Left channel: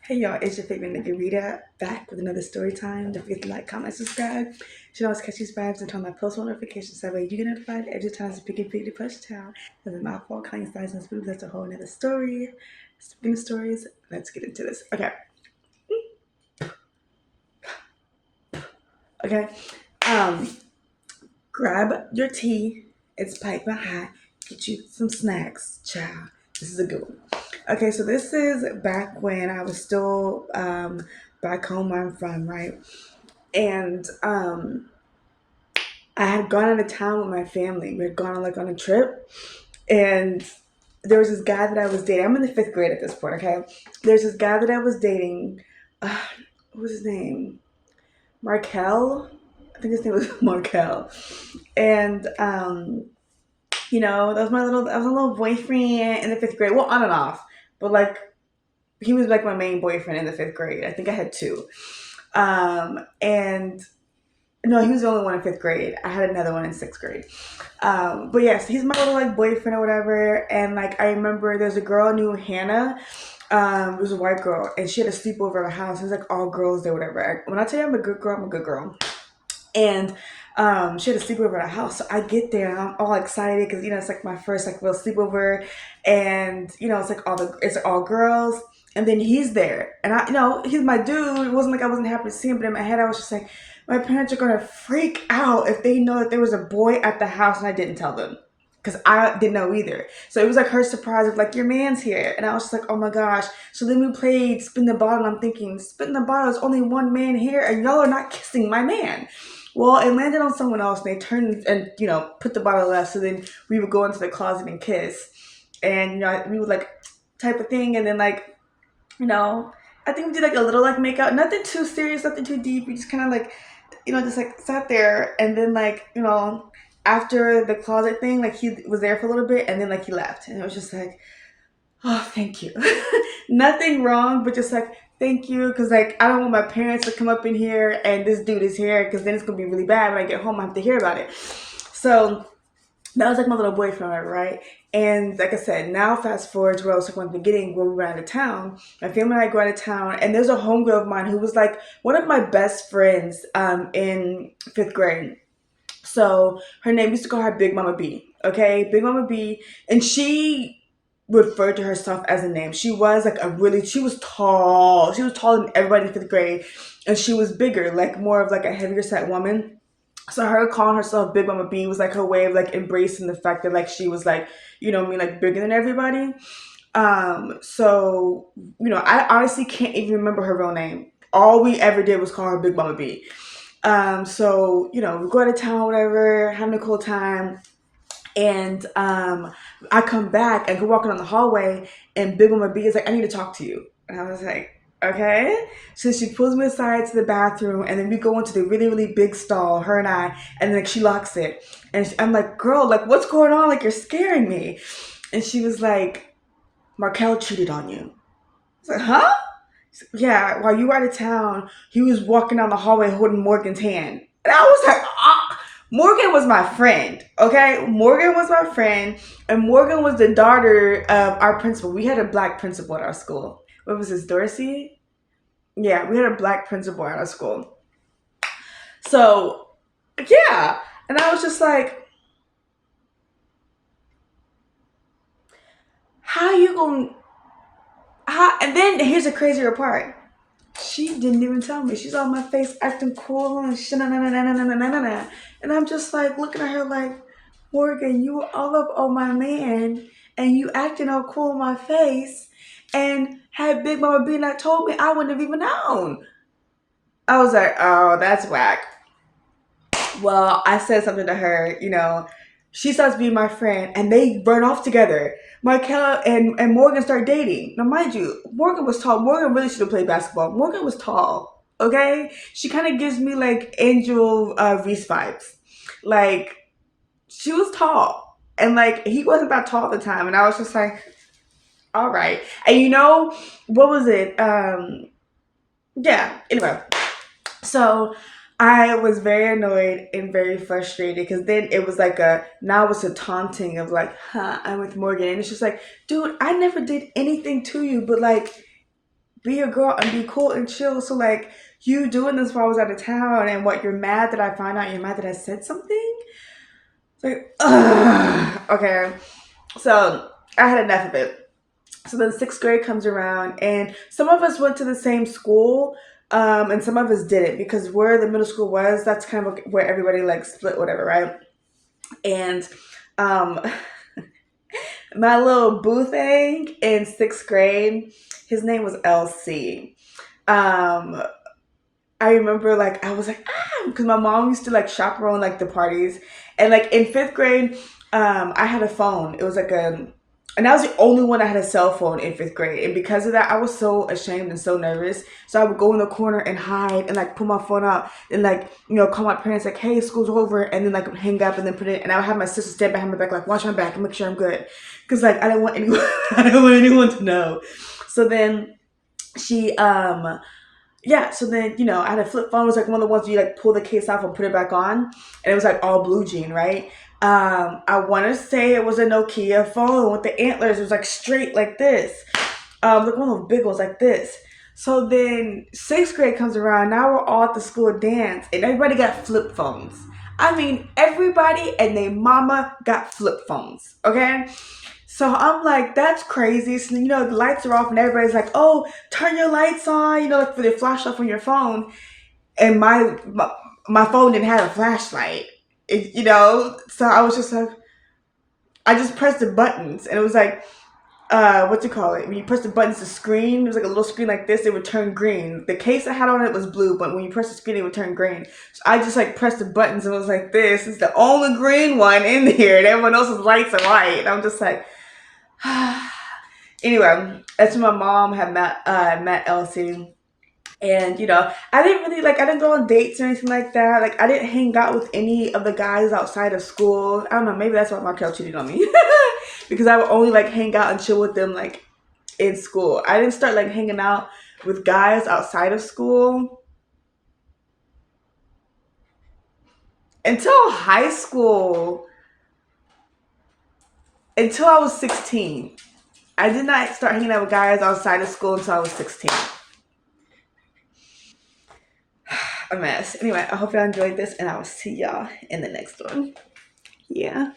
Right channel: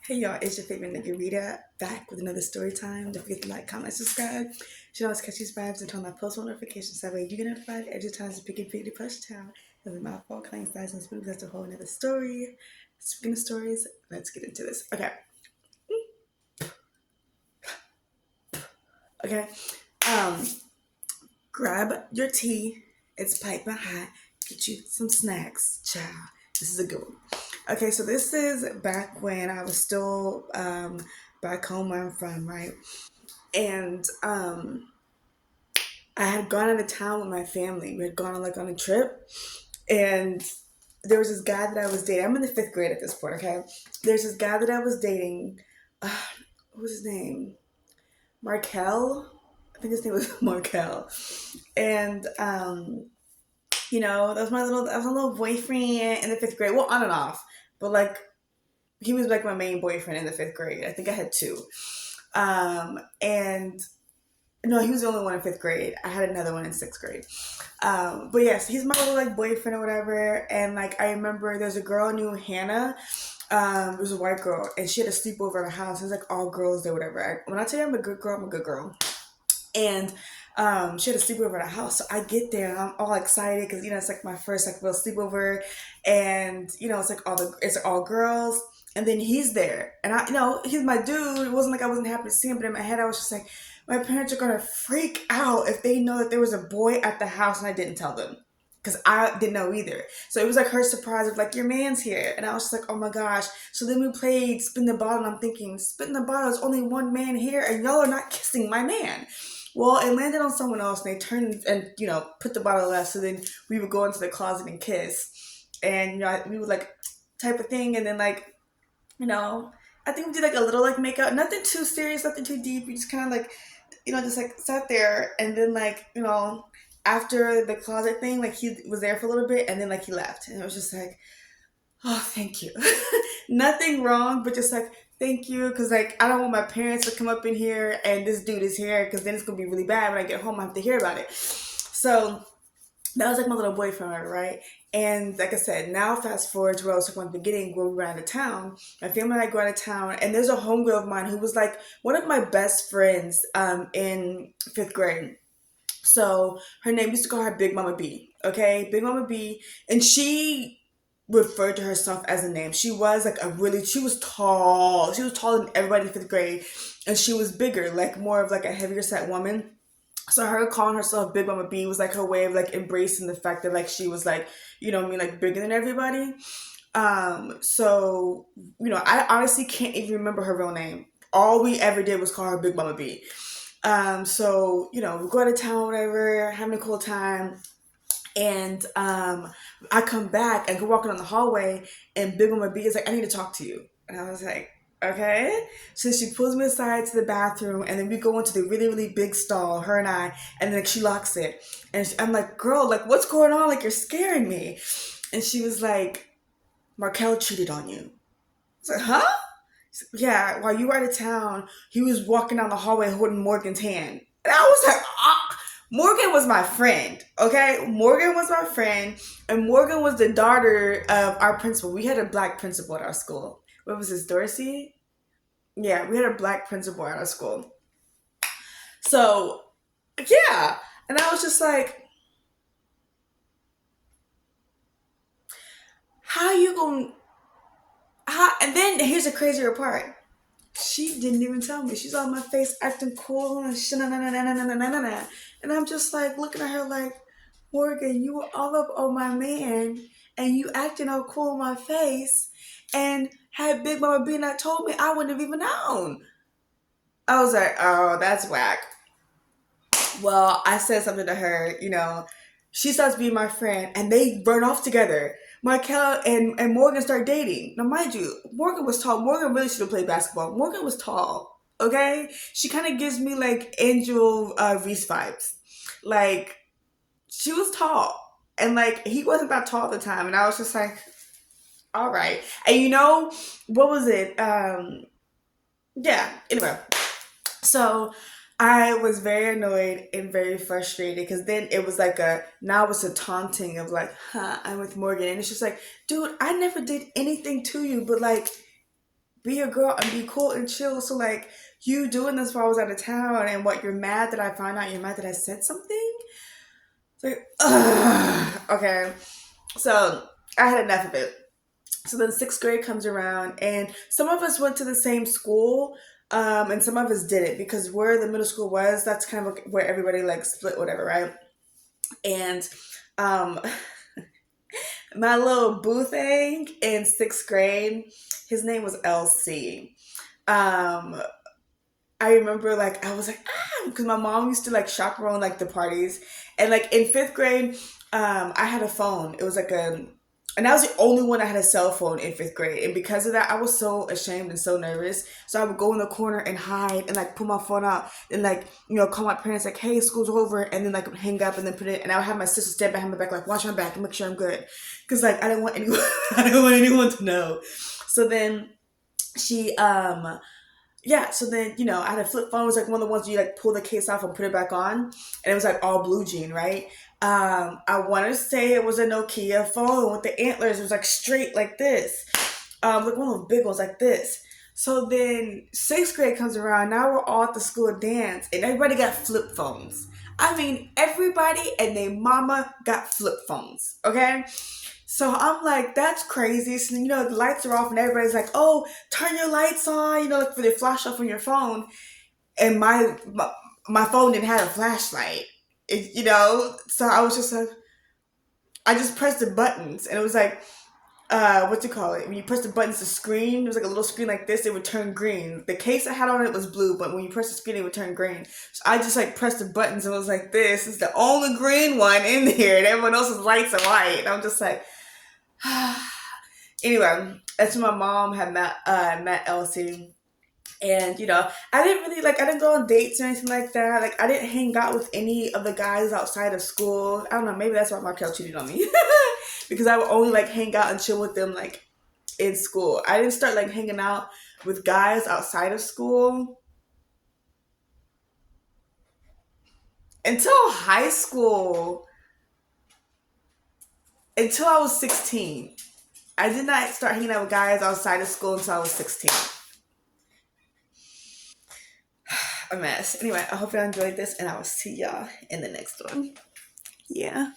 Hey y'all, it's your favorite nigga Rita back with another story time. Don't forget to like, comment, subscribe. You should always catch these vibes and turn on my post notifications so that way you get notified every time I pick and pick the push town. Because it's my fault, kind size and smooth. That's a whole nother story. Speaking of stories, let's get into this. Okay. Um, Grab your tea. It's piping hot. Get you some snacks, child. This is a good one. Okay, so this is back when I was still back home where I'm from, right? And I had gone out of town with my family. We had gone on like on a trip, and there was this guy that I was dating. I'm in the fifth grade at this point. Okay, there's this guy that I was dating. Uh, what was his name? Markel. I think his name was Markel. And that was I was a little boyfriend in the fifth grade. Well, on and off, but like he was like my main boyfriend in the fifth grade. I think I had two. And No, he was the only one in fifth grade. I had another one in sixth grade. But yes, he's my little like boyfriend or whatever. And like I remember there's a girl named Hannah. It was a white girl, and she had a sleepover at a house. It was like all girls there, whatever. When I tell you I'm a good girl, I'm a good girl. And she had a sleepover at our house. So I get there and I'm all excited because it's like my first like real sleepover, and it's like it's all girls. And then he's there, and he's my dude. It wasn't like I wasn't happy to see him, but in my head I was just like, my parents are gonna freak out if they know that there was a boy at the house and I didn't tell them. Because I didn't know either. So it was like her surprise of like, your man's here. And I was just like, oh my gosh. So then we played Spin the Bottle. And I'm thinking, Spin the Bottle, there's only one man here and y'all are not kissing my man. Well, it landed on someone else, and they turned and put the bottle left. So then we would go into the closet and kiss, and we would like type of thing, and then like I think we did like a little like make out, nothing too serious, nothing too deep. We just kind of like just like sat there, and then like after the closet thing, like he was there for a little bit, and then like he left, and it was just like, oh, thank you. Nothing wrong, but just like, thank you. Because, like, I don't want my parents to come up in here and this dude is here because then it's going to be really bad when I get home. I have to hear about it. So, that was like my little boyfriend, right? And like I said, now fast forward to where I was talking about the beginning where we were out of town. My family and I go out of town, and there's a homegirl of mine who was like one of my best friends in fifth grade. So her name used to call her Big Mama B. Okay, Big Mama B, and she referred to herself as a name. She was like she was tall. She was taller than everybody in fifth grade, and she was bigger, like more of like a heavier set woman. So her calling herself Big Mama B was like her way of like embracing the fact that like she was like, like bigger than everybody. So I honestly can't even remember her real name. All we ever did was call her Big Mama B. So we go out of town, whatever, having a cool time. And I come back and go walking on the hallway, and Big Mama B is like, I need to talk to you. And I was like, okay. So she pulls me aside to the bathroom, and then we go into the really, really big stall, her and I, and then like, she locks it. And I'm like, girl, like, what's going on? Like, you're scaring me. And she was like, Markel cheated on you. I was like, huh? Yeah, while you were out of town, he was walking down the hallway holding Morgan's hand. And I was like, ah. Morgan was my friend, okay? Morgan was my friend, and Morgan was the daughter of our principal. We had a black principal at our school. What was this, Dorsey? Yeah, we had a black principal at our school. So, yeah. And I was just like, how you gonna, and then here's the crazier part. She didn't even tell me. She's on my face acting cool and shit. And I'm just like looking at her like, Morgan, you were all up on my man and you acting all cool in my face. And had Big Mama B not told me, I wouldn't have even known. I was like, oh, that's whack. Well, I said something to her, she starts being my friend, and they run off together. Markella and Morgan start dating. Now, mind you, Morgan was tall. Morgan really should have played basketball. Morgan was tall, okay? She kind of gives me, like, Angel Reese vibes. Like, she was tall. And, like, he wasn't that tall at the time. And I was just like, all right. And what was it? Yeah, anyway. So I was very annoyed and very frustrated because then it was like now it's a taunting of like, huh, I'm with Morgan. And it's just like, dude, I never did anything to you, but like, be a girl and be cool and chill. So like you doing this while I was out of town, and what, you're mad that I found out, you're mad that I said something? It's like, ugh. Okay. So I had enough of it. So then sixth grade comes around, and some of us went to the same school, and some of us didn't, because where the middle school was, that's kind of where everybody like split, whatever, right? And um, my little boo thing in sixth grade, his name was LC. Um, I remember like I was like, because my mom used to like chaperone like the parties, and like in fifth grade, I had a phone. It was like a, and I was the only one that had a cell phone in fifth grade, and because of that, I was so ashamed and so nervous. So I would go in the corner and hide and like pull my phone out and like call my parents like, hey, school's over, and then like hang up and then put it. And I would have my sister stand behind my back like, watch my back and make sure I'm good, because like I didn't want anyone, I didn't want anyone to know. So then she yeah, so then, I had a flip phone. It was like one of the ones where you like pull the case off and put it back on. And it was like all blue jean, right? I want to say it was a Nokia phone with the antlers. It was like straight like this. Like one of those big ones like this. So then sixth grade comes around. Now we're all at the school dance, and everybody got flip phones. I mean, everybody and their mama got flip phones, okay? So I'm like, that's crazy. So, the lights are off and everybody's like, oh, turn your lights on, like for the flash off on your phone. And my phone didn't have a flashlight, So I was just like, I just pressed the buttons, and it was like, what you call it? When you press the buttons, the screen, it was like a little screen like this, it would turn green. The case I had on it was blue, but when you press the screen, it would turn green. So I just like pressed the buttons and was like, this is the only green one in here, and everyone else's lights are white. And I'm just like, anyway, that's when my mom had met Elsie. And I didn't really like, I didn't go on dates or anything like that. Like, I didn't hang out with any of the guys outside of school. I don't know, maybe that's why Markel cheated on me. Because I would only like hang out and chill with them like in school. I didn't start like hanging out with guys outside of school until high school, until I was 16. I did not start hanging out with guys outside of school until I was 16. A mess. Anyway, I hope y'all enjoyed this, and I will see y'all in the next one. Yeah.